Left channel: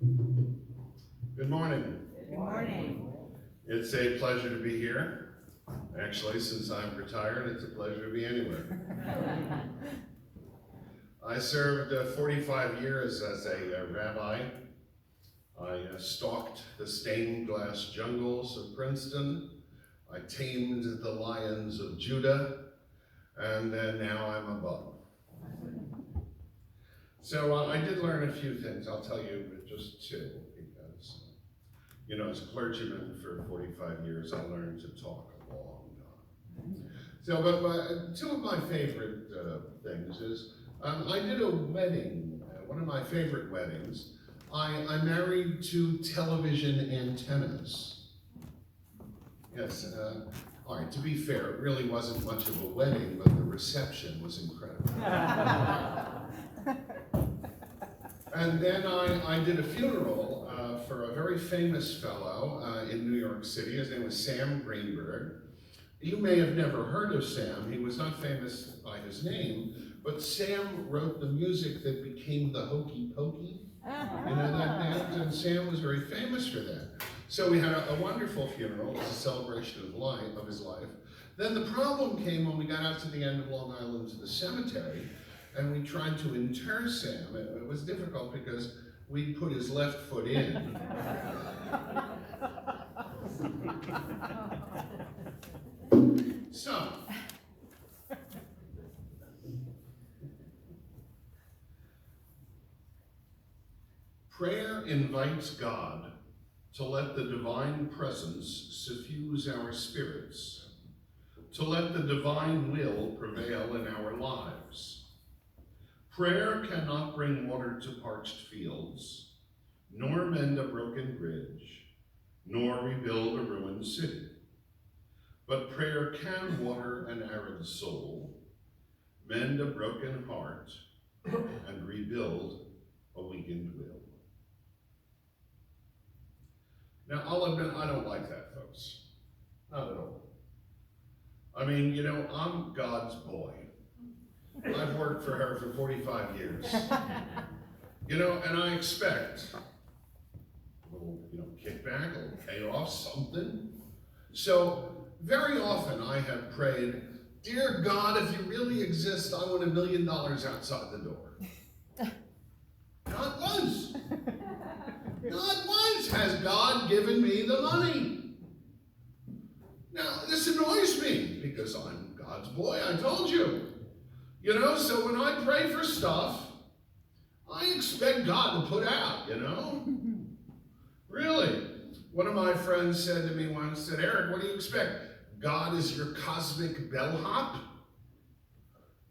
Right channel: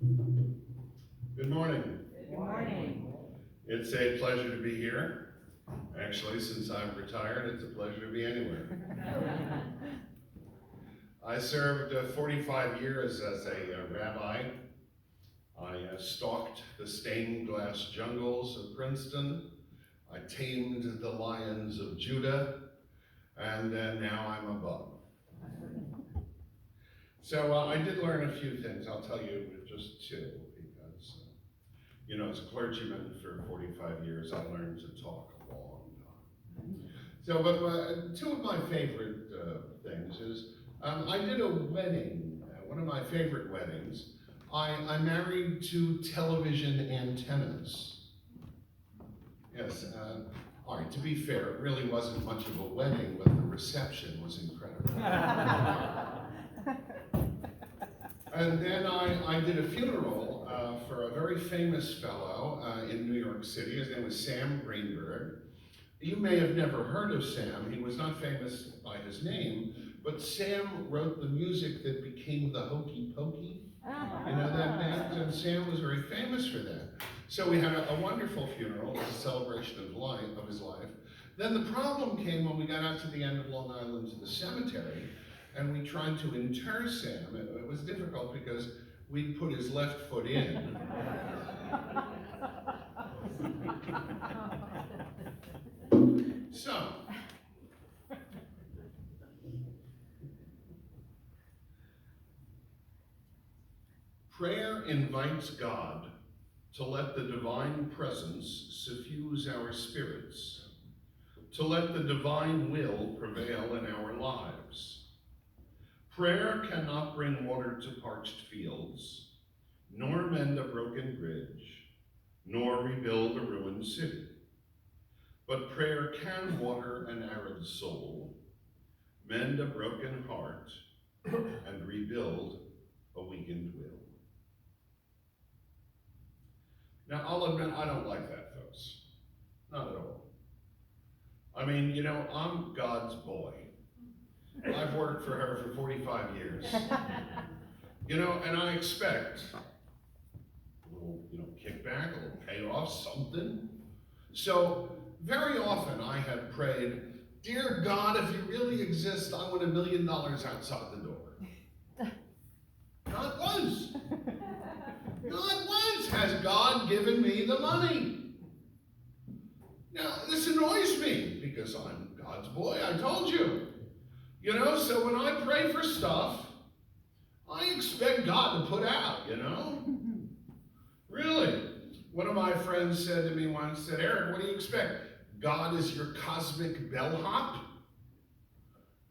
Good morning. Good morning. It's a pleasure to be here. Actually, since I'm retired, it's a pleasure to be anywhere. I served 45 years as a rabbi. I stalked the stained glass jungles of Princeton. I tamed the lions of Judah, and then now I'm above. So I did learn a few things. I'll tell you just two, because, as a clergyman for 45 years, I learned to talk a long time. So, but two of my favorite things is, I did a wedding, one of my favorite weddings. I married two television antennas. Yes, all right, to be fair, it really wasn't much of a wedding, but the reception was incredible. And then I did a funeral for a very famous fellow in New York City. His name was Sam Greenberg. You may have never heard of Sam. He was not famous by his name, but Sam wrote the music that became the Hokey Pokey. You know that band? And Sam was very famous for that. So we had a wonderful funeral. It was a celebration of his life. Then the problem came when we got out to the end of Long Island to the cemetery, and we tried to inter Sam. It was difficult because we put his left foot in. So, prayer invites God to let the divine presence suffuse our spirits, to let the divine will prevail in our lives. Prayer cannot bring water to parched fields, nor mend a broken bridge, nor rebuild a ruined city. But prayer can water an arid soul, mend a broken heart, and rebuild a weakened will. Now, I'll admit, I don't like that, folks. Not at all. I mean, I'm God's boy. I've worked for her for 45 years. And I expect a little, kickback, a little payoff, something. So very often I have prayed, dear God, if you really exist, I want $1 million outside the door. God was. Has God given me the money? Now, this annoys me because I'm God's boy, I told you. So when I pray for stuff, I expect God to put out, Really. One of my friends said to me once, said, Eric, what do you expect? God is your cosmic bellhop?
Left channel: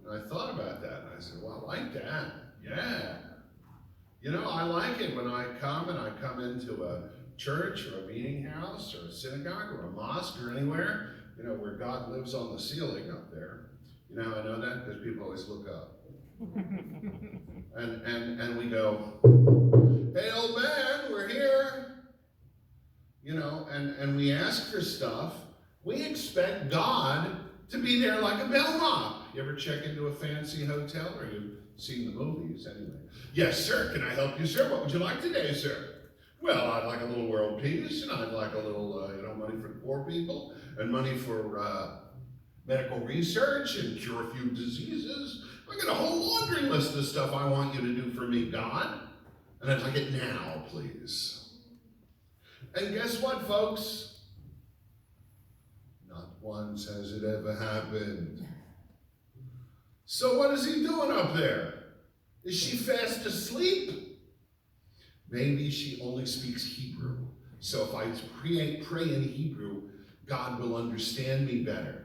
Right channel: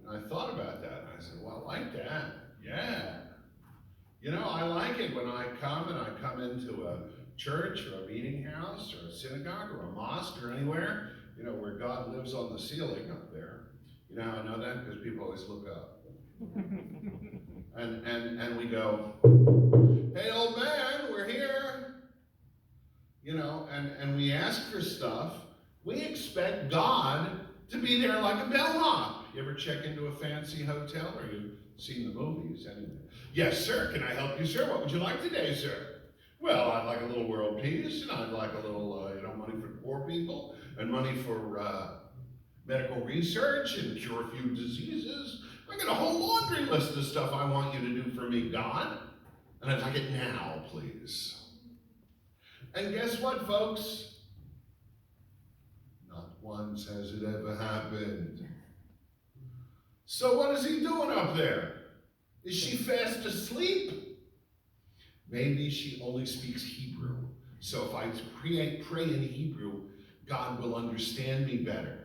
And I thought about that, and I said, well, I like that. Yeah. I like it when I come into a church or a meeting house or a synagogue or a mosque or anywhere, where God lives on the ceiling up there. I know that because people always look up. and we go, hey, old man, we're here. And we ask for stuff. We expect God to be there like a bellhop. You ever check into a fancy hotel, or you've seen the movies anyway? Yes, sir. Can I help you, sir? What would you like today, sir? Well, I'd like a little world peace, and I'd like a little, money for poor people, and money for medical research and cure a few diseases. I got a whole laundry list of stuff I want you to do for me, God. And I'd like it now, please. And guess what, folks? Not once has it ever happened. So what is he doing up there? Is she fast asleep? Maybe she only speaks Hebrew. So if I pray in Hebrew, God will understand me better.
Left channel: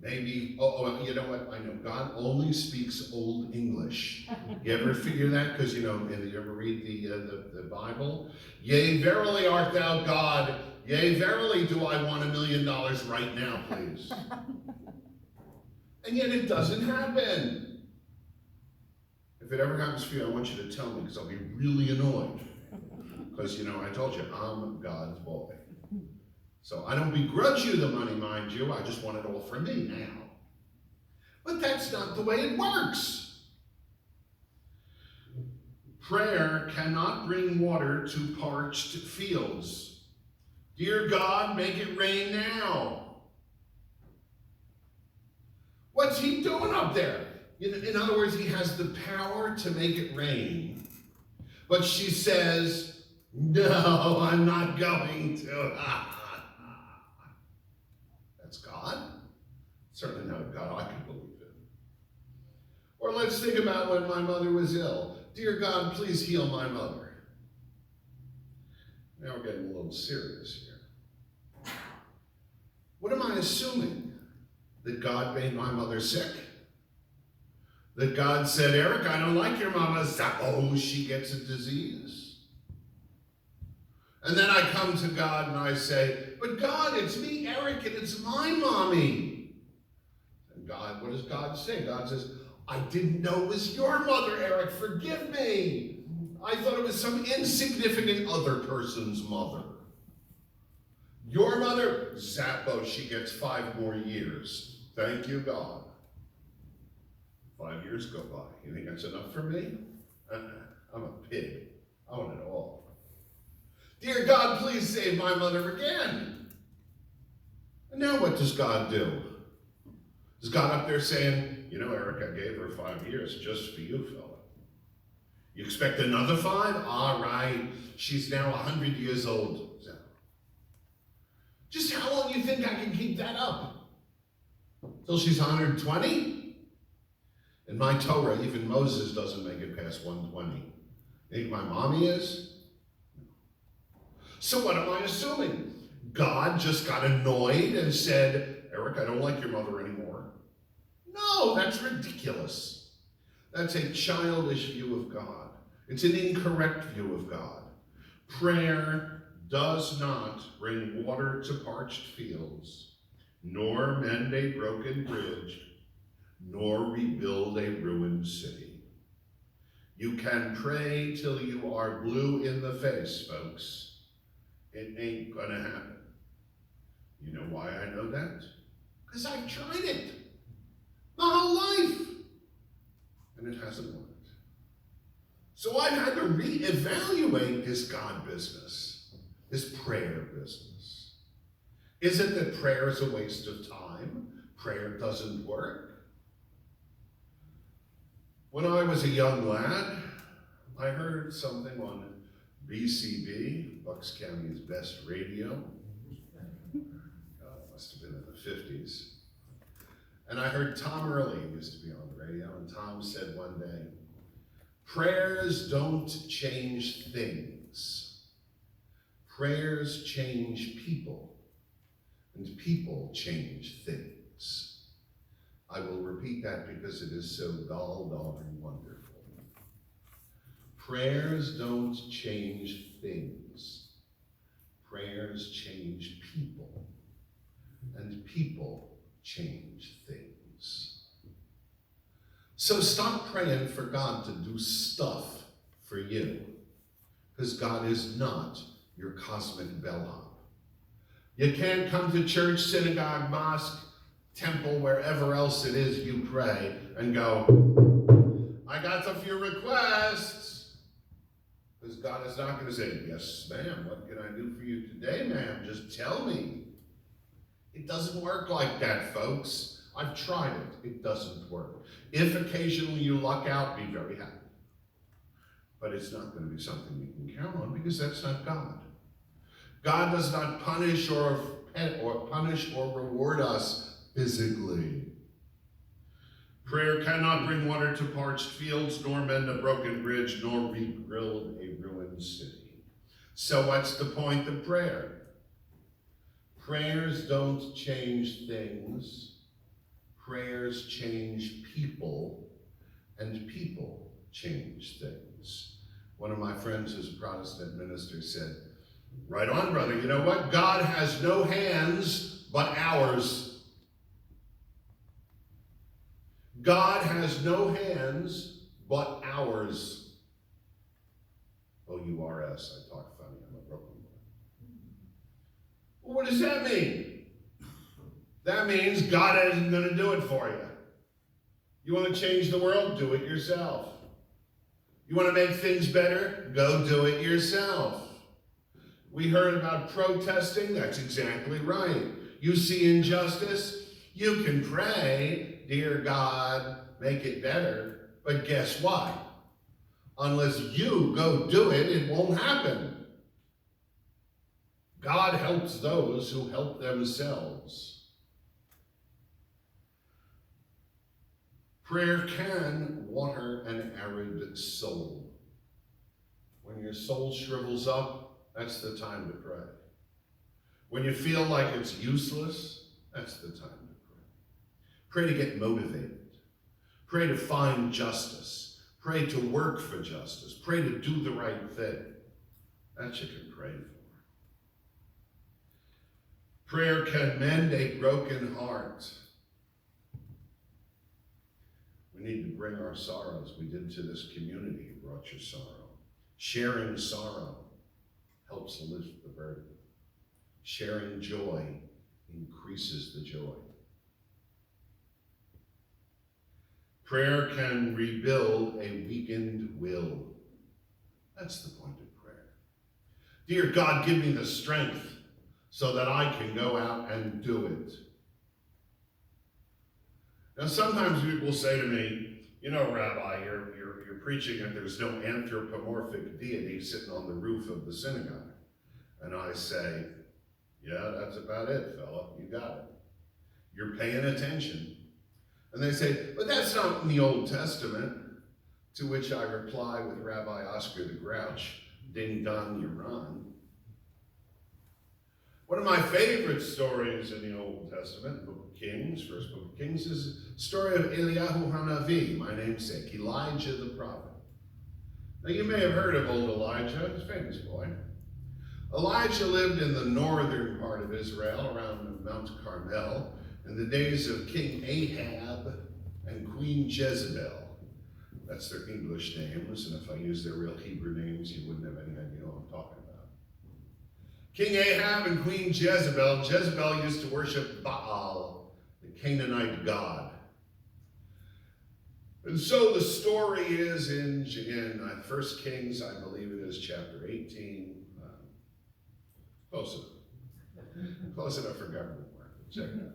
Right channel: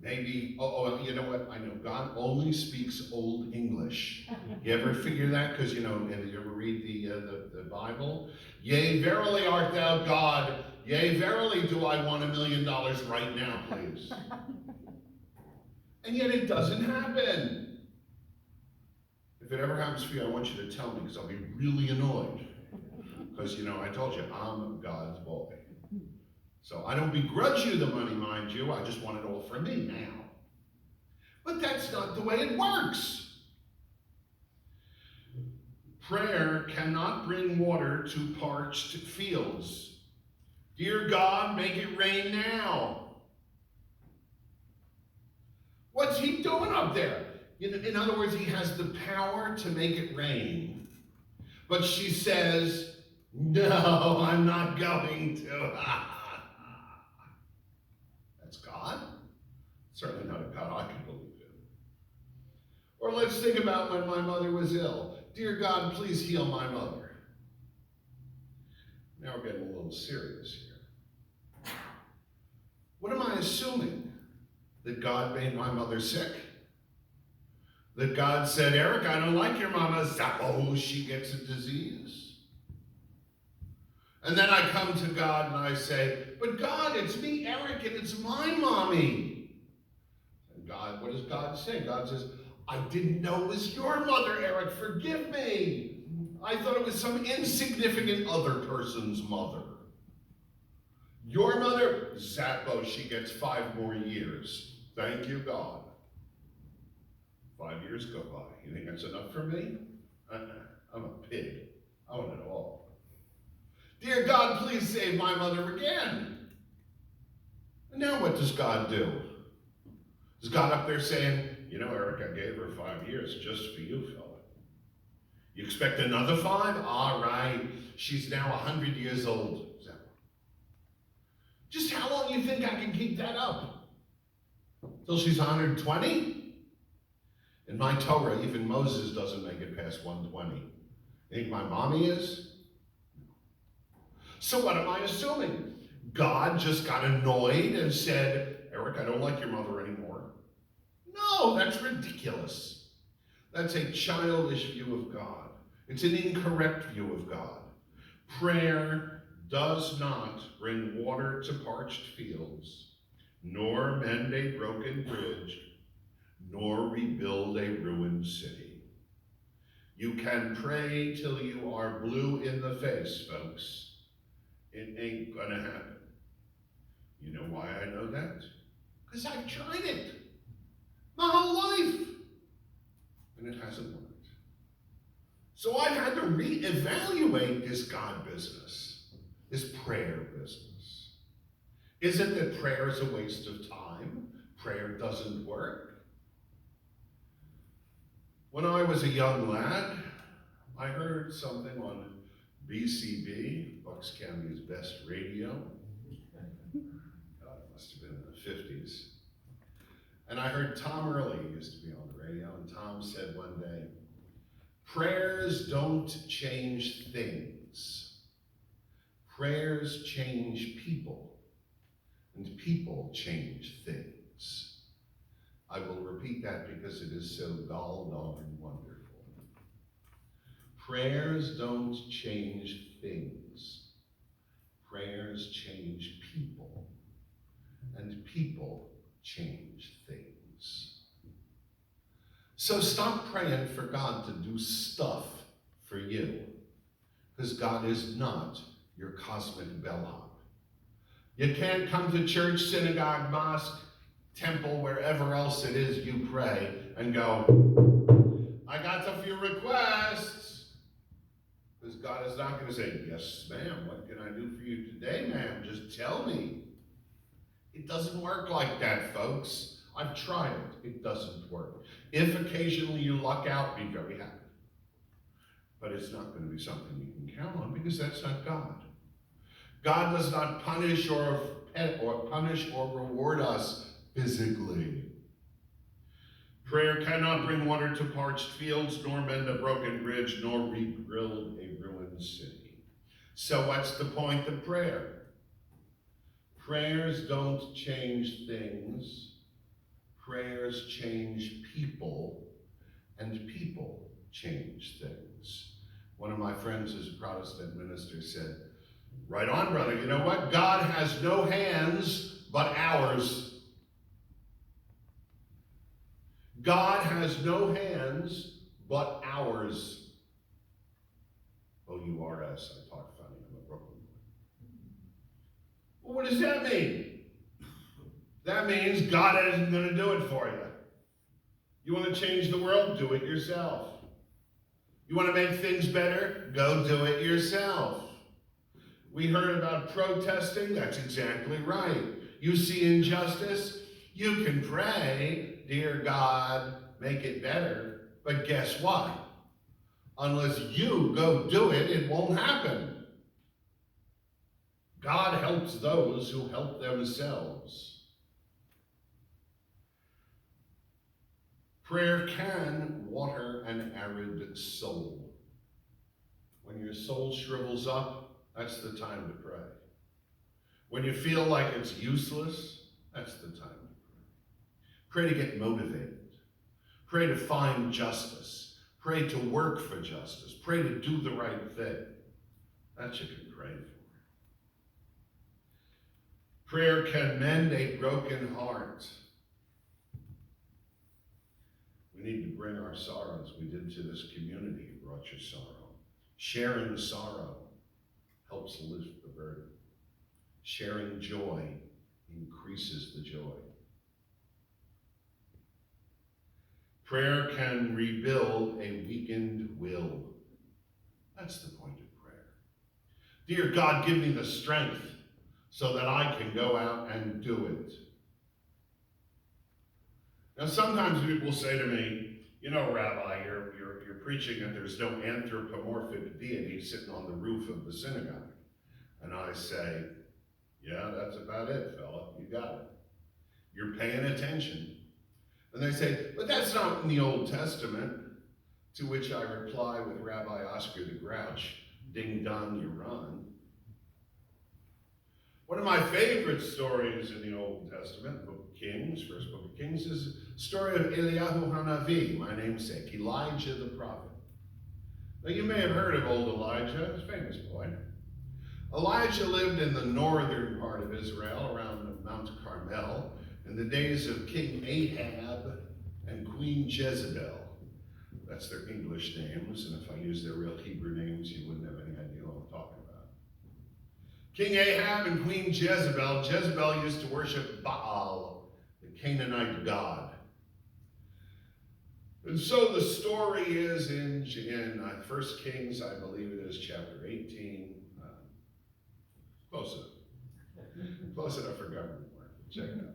Maybe, you know what? I know God only speaks Old English. You ever figure that? Because, you ever read the Bible? Yea, verily art thou God. Yea, verily do I want $1 million right now, please. And yet it doesn't happen. If it ever happens for you, I want you to tell me, because I'll be really annoyed. Because, I told you, I'm God's boy. So I don't begrudge you the money, mind you. I just want it all for me now. But that's not the way it works. Prayer cannot bring water to parched fields. Dear God, make it rain now. What's he doing up there? In other words, he has the power to make it rain. But she says, no, I'm not going to. That's God? Certainly not a God I can believe in. Or let's think about when my mother was ill. Dear God, please heal my mother. Now we're getting a little serious here. What am I assuming? That God made my mother sick? That God said, Eric, I don't like your mama. Oh, she gets a disease. And then I come to God and I say, but God, it's me, Eric, and it's my mommy. And God, what does God say? God says, I didn't know it was your mother, Eric. Forgive me. I thought it was some insignificant other person's mother. Your mother, Zappo, she gets 5 more years. Thank you, God. 5 years go by. You think that's enough for me? I'm a pig. I want it all. Dear God, please save my mother again. And now what does God do? Is God up there saying, you know, Eric, I gave her 5 years just for you, fella. You expect another 5? All right. She's now 100 years old. Just how long do you think I can keep that up? Till she's 120? In my Torah, even Moses doesn't make it past 120. You think my mommy is? So what am I assuming? God just got annoyed and said, Eric, I don't like your mother anymore. No, that's ridiculous. That's a childish view of God. It's an incorrect view of God. Prayer does not bring water to parched fields, nor mend a broken bridge, nor rebuild a ruined city. You can pray till you are blue in the face, folks. It ain't gonna happen. You know why I know that? Because I've tried it my whole life, and it hasn't worked. So I've had to reevaluate this God business, this prayer business. Is it that prayer is a waste of time? Prayer doesn't work? When I was a young lad, I heard something on BCB, Bucks County's best radio. God, it must have been in the 50s. And I heard Tom Early used to be on the radio, and Tom said one day, prayers don't change things. Prayers change people, and people change things. I will repeat that because it is so gall-darn wonderful. Prayers don't change things. Prayers change people, and people change things. So stop praying for God to do stuff for you, because God is not your cosmic bellhop. You can't come to church, synagogue, mosque, temple, wherever else it is you pray, and go, I got a few requests. Because God is not going to say, yes, ma'am, what can I do for you today, ma'am? Just tell me. It doesn't work like that, folks. I've tried it. It doesn't work. If occasionally you luck out, be very happy. But it's not going to be something you can count on, because that's not God. God does not punish or reward us physically. Prayer cannot bring water to parched fields, nor mend a broken bridge, nor rebuild a ruined city. So what's the point of prayer? Prayers don't change things. Prayers change people, and people change things. One of my friends who's a Protestant minister said, right on, brother, you know what? God has no hands but ours. God has no hands but ours. O-U-R-S, I talk funny, I'm a Brooklyn boy. Well, what does that mean? That means God isn't going to do it for you. You want to change the world? Do it yourself. You want to make things better? Go do it yourself. We heard about protesting. That's exactly right. You see injustice? You can pray, dear God, make it better. But guess what? Unless you go do it, it won't happen. God helps those who help themselves. Prayer can water an arid soul. When your soul shrivels up, that's the time to pray. When you feel like it's useless, that's the time to pray. Pray to get motivated. Pray to find justice. Pray to work for justice. Pray to do the right thing. That you can pray for. Prayer can mend a broken heart. We need to bring our sorrows. We did to this community. You brought your sorrow. Sharing sorrow helps lift the burden. Sharing joy increases the joy. Prayer can rebuild a weakened will. That's the point of prayer. Dear God, give me the strength so that I can go out and do it. Now, sometimes people say to me, you know, Rabbi, you're preaching that there's no anthropomorphic deity sitting on the roof of the synagogue. And I say, yeah, that's about it, fella. You got it. You're paying attention. And they say, but that's not in the Old Testament. To which I reply with Rabbi Oscar the Grouch, ding dong, you run. One of my favorite stories in the Old Testament, Book of Kings, first Book of Kings, is the story of Eliyahu Hanavi, my namesake, Elijah the prophet. Now you may have heard of old Elijah, he's a famous boy. Elijah lived in the northern part of Israel, around Mount Carmel, in the days of King Ahab and Queen Jezebel. That's their English names, and if I use their real Hebrew names, you wouldn't have any idea what I'm talking about. King Ahab and Queen Jezebel. Jezebel used to worship Baal, the Canaanite god. And so the story is in 1 Kings, I believe it is chapter 18. Close enough for government work. Check it out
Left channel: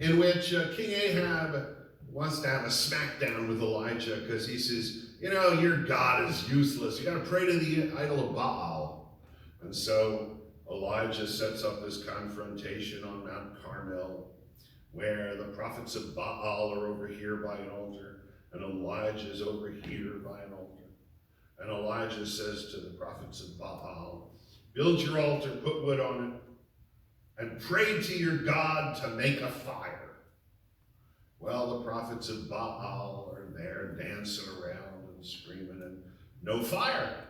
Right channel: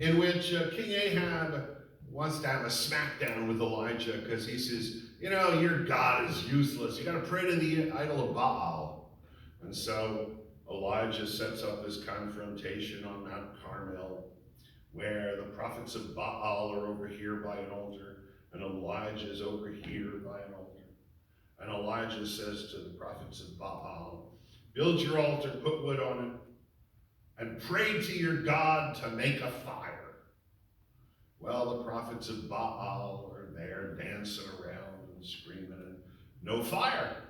later. In which King Ahab wants to have a smackdown with Elijah because he says, you know, your God is useless. You got to pray to the idol of Baal. And so Elijah sets up this confrontation on Mount Carmel where the prophets of Baal are over here by an altar and Elijah is over here by an altar. And Elijah says to the prophets of Baal, build your altar, put wood on it, and pray to your God to make a fire. Well, the prophets of Baal are there dancing around and screaming, and no fire.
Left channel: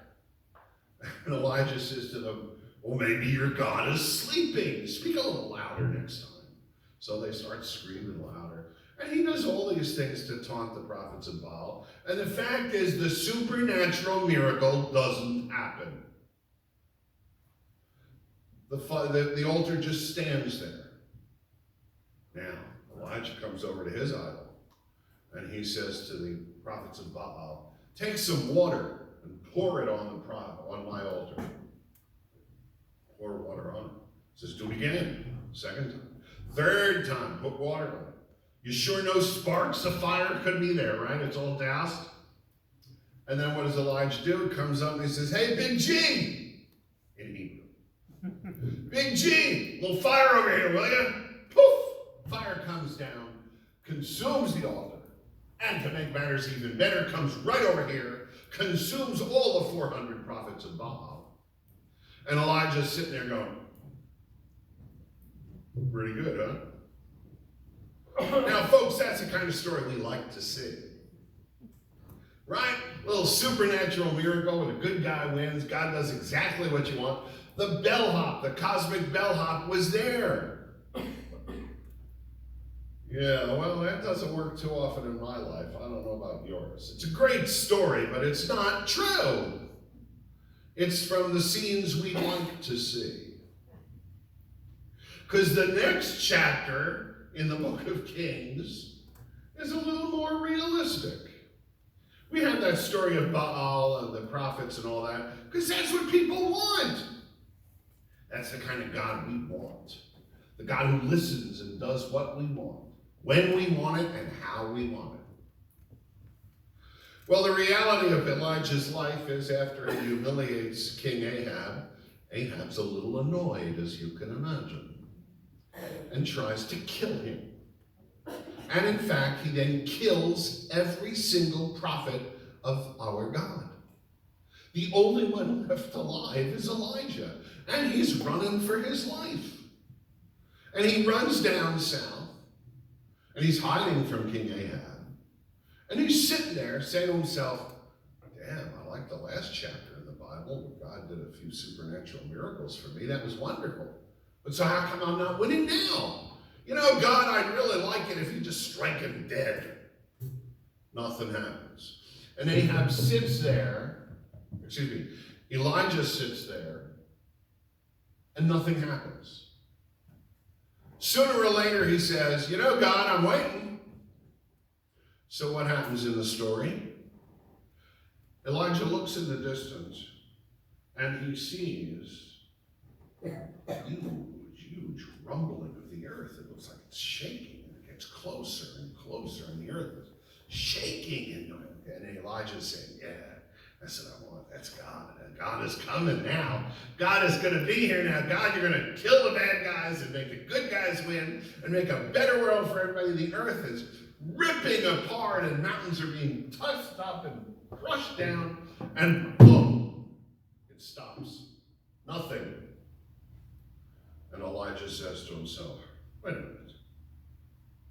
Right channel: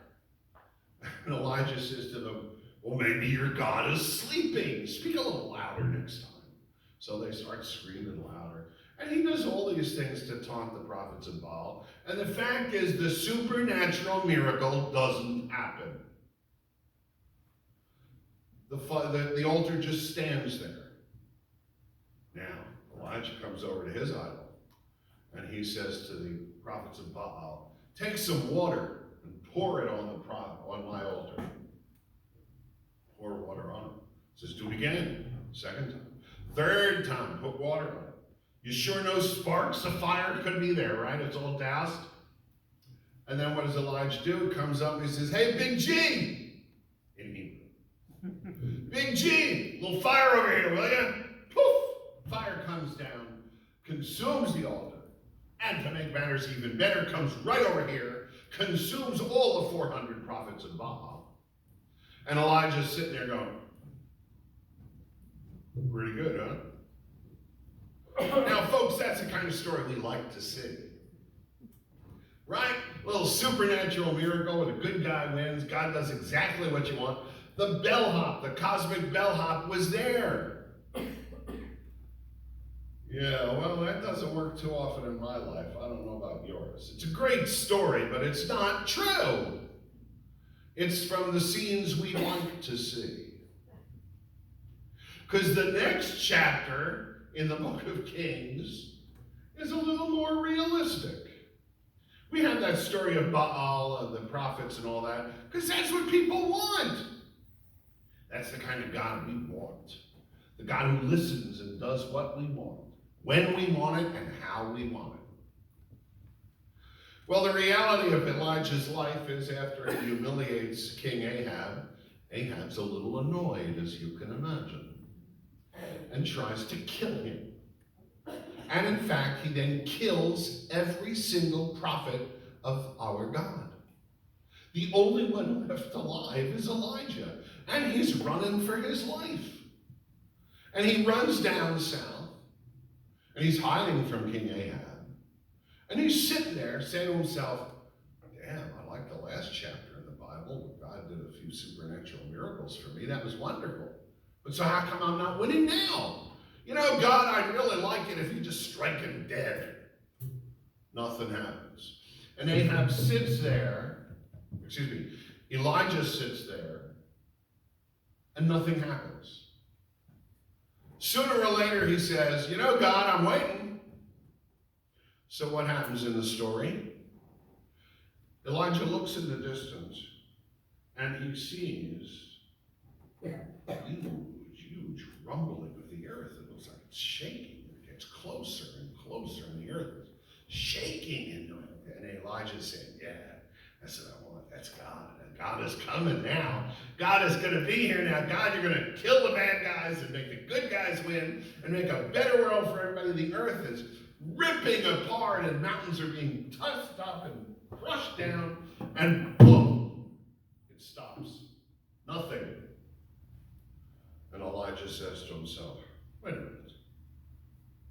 And Elijah says to them, well, maybe your God is sleeping. Speak a little louder next time. So they start screaming louder. And he does all these things to taunt the prophets of Baal. And the fact is, the supernatural miracle doesn't happen. The altar just stands there. Now, Elijah comes over to his idol, and he says to the prophets of Baal, take some water and pour it on my altar. Pour water on it. He says, do it again. Second time. Third time, put water on it. You sure no sparks of fire could be there, right? It's all doused. And then what does Elijah do? He comes up and he says, hey, Big G! In Hebrew. Big G! Little fire over here, will you? Poof! Fire comes down, consumes the altar, and to make matters even better, comes right over here, consumes all the 400 prophets of Baal. And Elijah's sitting there going, pretty good, huh? Now, folks, that's the kind of story we like to see. Right? A little supernatural miracle where the good guy wins. God does exactly what you want. The bellhop, the cosmic bellhop was there. Yeah, well, that doesn't work too often in my life. I don't know about yours. It's a great story, but it's not true. It's from the scenes we like to see. Because the next chapter in the book of Kings is a little more realistic. We have that story of Baal and the prophets and all that, because that's what people want. That's the kind of God we want. The God who listens and does what we want, when we want it, and how we want it. Well, the reality of Elijah's life is after he humiliates King Ahab, Ahab's a little annoyed, as you can imagine, and tries to kill him. And in fact, he then kills every single prophet of our God. The only one left alive is Elijah, and he's running for his life. And he runs down south, and he's hiding from King Ahab. And he's sitting there saying to himself, damn, I like the last chapter in the Bible where God did a few supernatural miracles for me. That was wonderful. But so how come I'm not winning now? You know, God, I'd really like it if you just strike him dead. Nothing happens. And Ahab sits there, Elijah sits there, and nothing happens. Sooner or later he says, you know, God, I'm waiting. So what happens in the story? Elijah looks in the distance and he sees huge rumbling of the earth. It looks like it's shaking, and it gets closer and closer, and the earth is shaking. And Elijah's saying, yeah, that's what I want. That's God. And God is coming now. God is going to be here now. God, you're going to kill the bad guys and make the good guys win and make a better world for everybody. The earth is ripping apart, and mountains are being tossed up and crushed down, and boom, it stops. Nothing. And Elijah says to himself, wait a minute.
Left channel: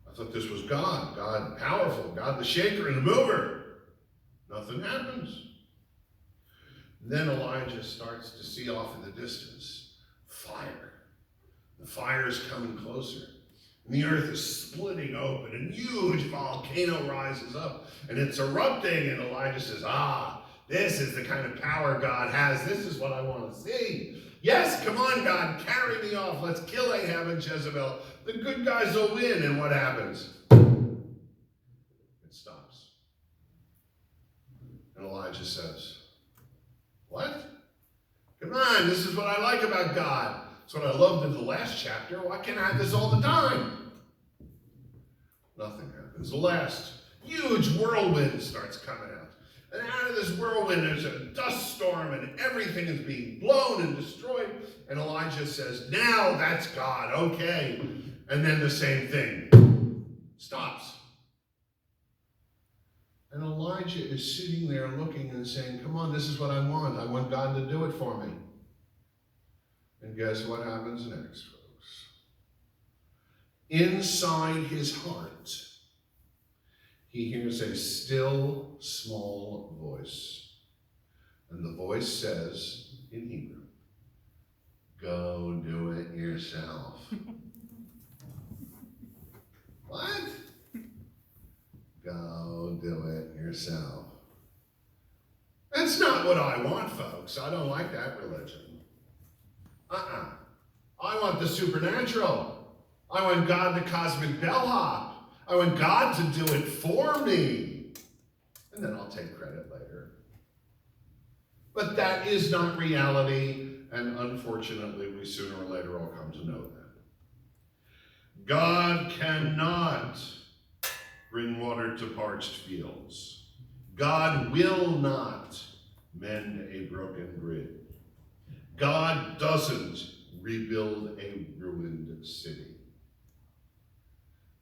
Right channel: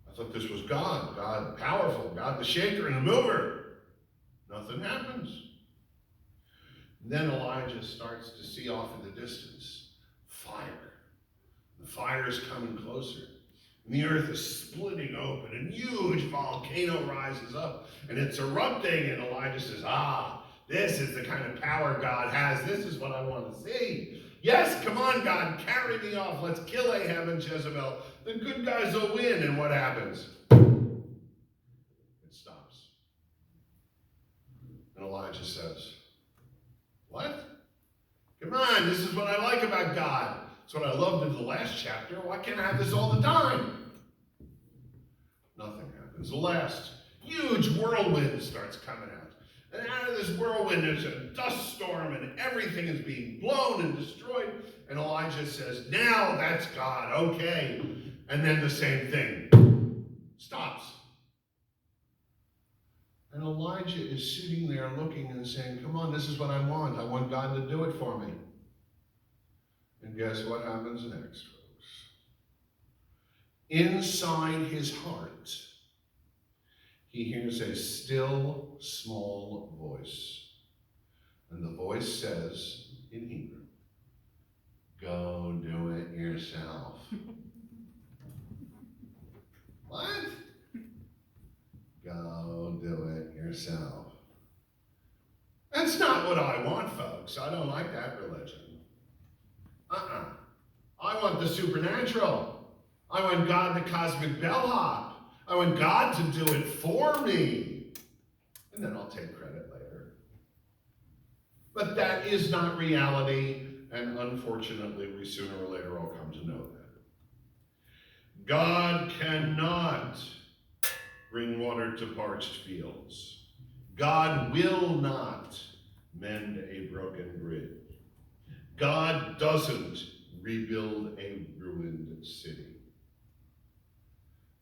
I thought this was God. God powerful. God the shaker and the mover. Nothing happens. And then Elijah starts to see off in the distance fire. The fire is coming closer. And the earth is splitting open. And huge volcano rises up. And it's erupting. And Elijah says, this is the kind of power God has. This is what I want to see. Yes, come on, God, carry me off. Let's kill Ahab and Jezebel. The good guys will win. And what happens? It stops. And Elijah says, what? Come on, this is what I like about God. It's what I loved in the last chapter. Why can't I have this all the time? Nothing happens. The last huge whirlwind starts coming out. And out of this whirlwind, there's a dust storm, and everything is being blown and destroyed. And Elijah says, now that's God, okay. And then the same thing stops. And Elijah is sitting there looking and saying, come on, this is what I want. I want God to do it for me. And guess what happens next, folks? Inside his heart, he hears a still, small voice. And the voice says in Hebrew, go do it yourself. What? Go do it yourself. That's not what I want, folks. I don't like that religion. I want the supernatural. I want God, the cosmic bellhop. I want God to do it for me. And then I'll take credit later. But that is not reality, and unfortunately, we sooner or later all come to know that. God cannot bring water to parched fields. God will not mend a broken bridge. God doesn't rebuild a ruined city.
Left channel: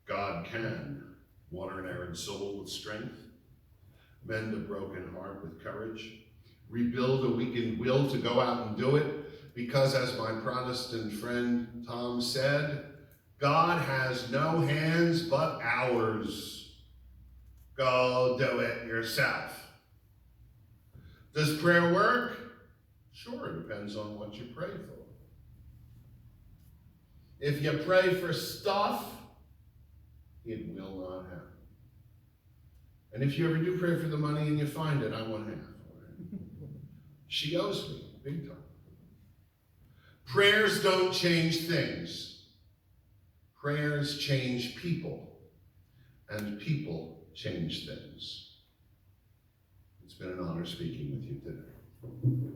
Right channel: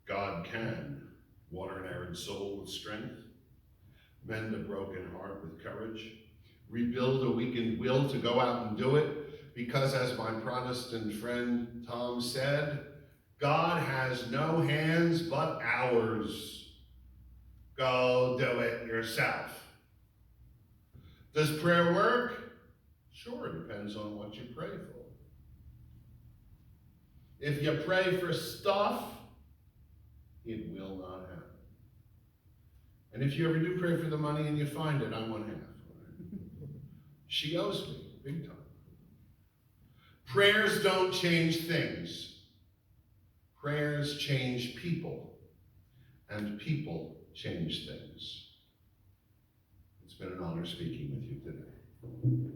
God can water an arid soul with strength, mend a broken heart with courage, rebuild a weakened will to go out and do it, because as my Protestant friend Tom said, God has no hands but ours. Go do it yourself. Does prayer work? Sure, it depends on what you pray for. If you pray for stuff, it will not happen. And if you ever do pray for the money and you find it, I want half. She owes me, big time. Prayers don't change things. Prayers change people, and people change things. It's been an honor speaking with you today.